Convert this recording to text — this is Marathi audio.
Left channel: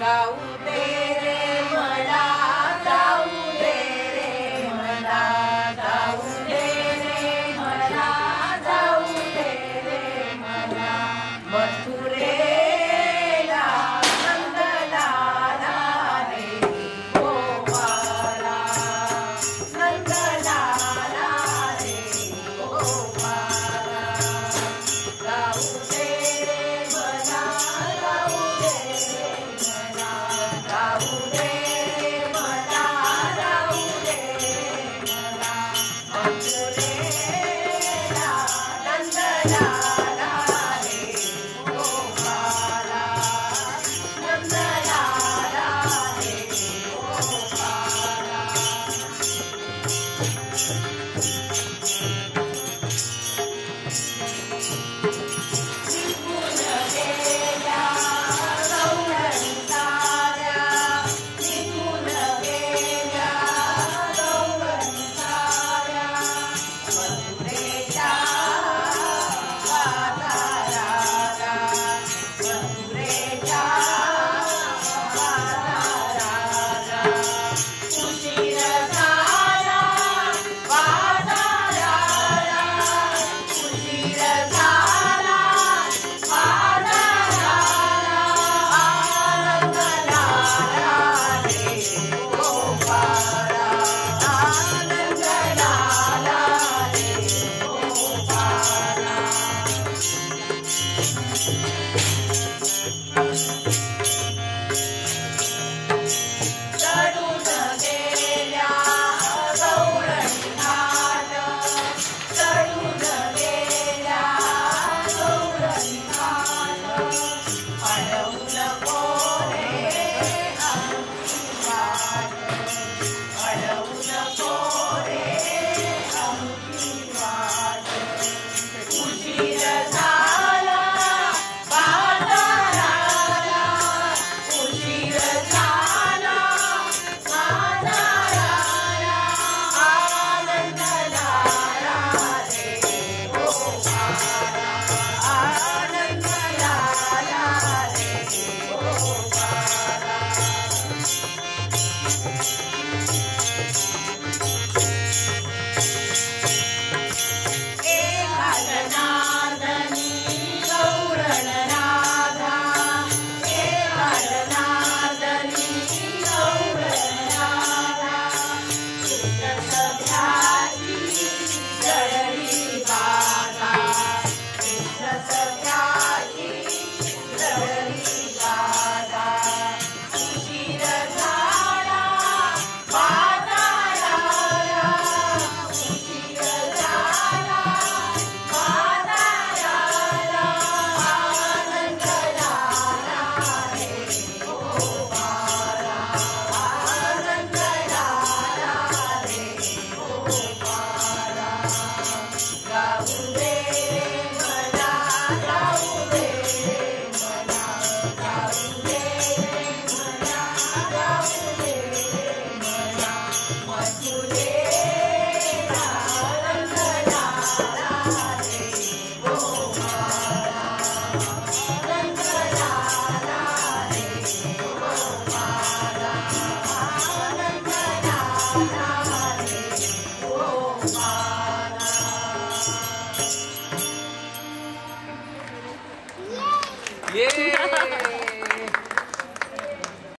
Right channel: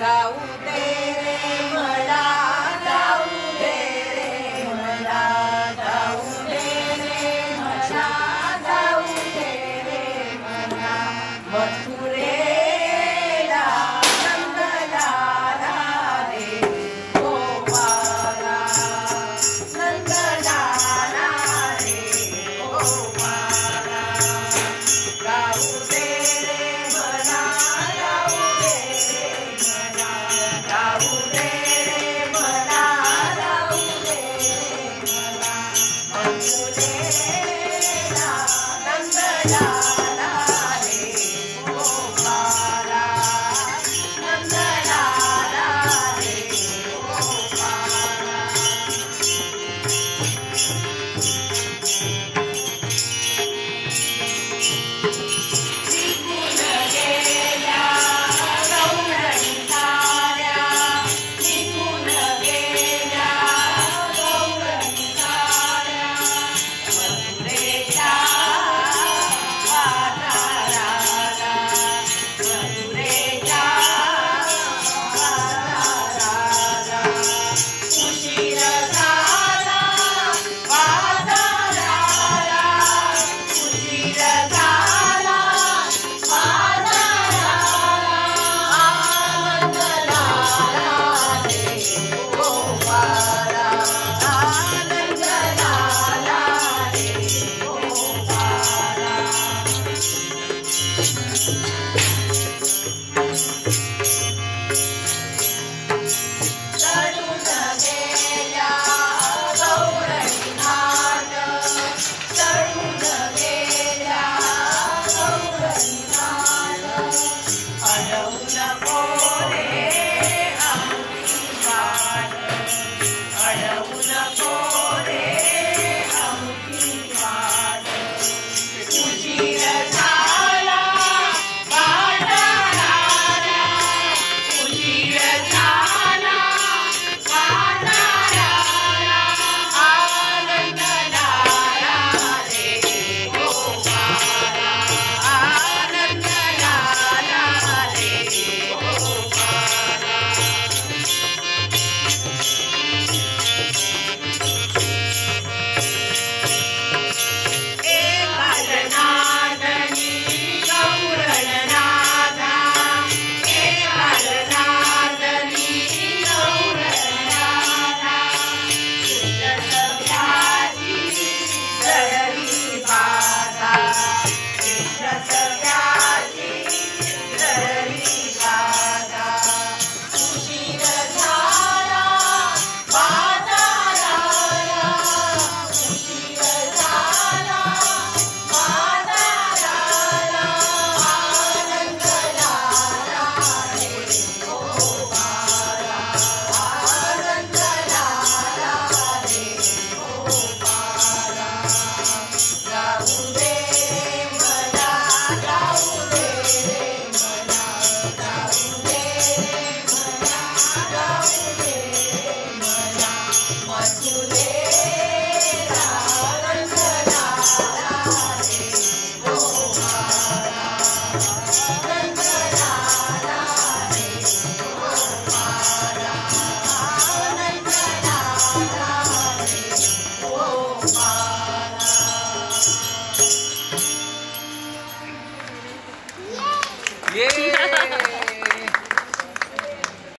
जाऊ दे रे मला, जाऊ दे रे मला, जाऊ दे रे मला, जाऊ दे रे मला, मथुरेला नंदलाला रे गोपाला, नंदलाला रे गोपाला, जाऊ दे रे मला, जाऊ दे रे मला, जाऊ दे रे मला, जाऊ दे रे मला, मथुरेला नंदलाला रे गोपाला, नंदलाला रे गोपाला. निघून गेल्या गौरणी साऱ्या, निघून गेल्या गौरणी साऱ्या, मथुरेच्या बाजाराला, मथुरेच्या बाजाराला, उशीर झाला बाजाराला, उशीर झाला बाजाराला, आनंद झाला रे गोपाला, आनंद झाला रे गोपाला. चढून गेल्या गौरणी घाट, चढून गेल्या गौरणी घाट, अडवून कोरे आमची वाट, अडवून कोरे आमची वाट, उशीर झाला बाजाराला, उशीर झाला बाजाराला, आनंद झाला रे गोपाला, आनंद झाला रे गोपाला. एकालनादनी गौरणनादा, एकालनादनी गौरणनादा, कृष्णसख्याची जळली बाधा, कृष्णसख्याची जळली बाधा, उशीर झाला बाजाराला, उशीर झाला बाजाराला, आनंद झाला रे गोपाला, आनंद झाला रे गोपाला. जाऊ दे रे मला, जाऊ दे रे मला, जाऊ दे रे मला, जाऊ दे रे मला, मथुरेला नंदलाला रे गोपाला, नंदलाला रे गोपाला, नंदलाला रे गोपाला. ये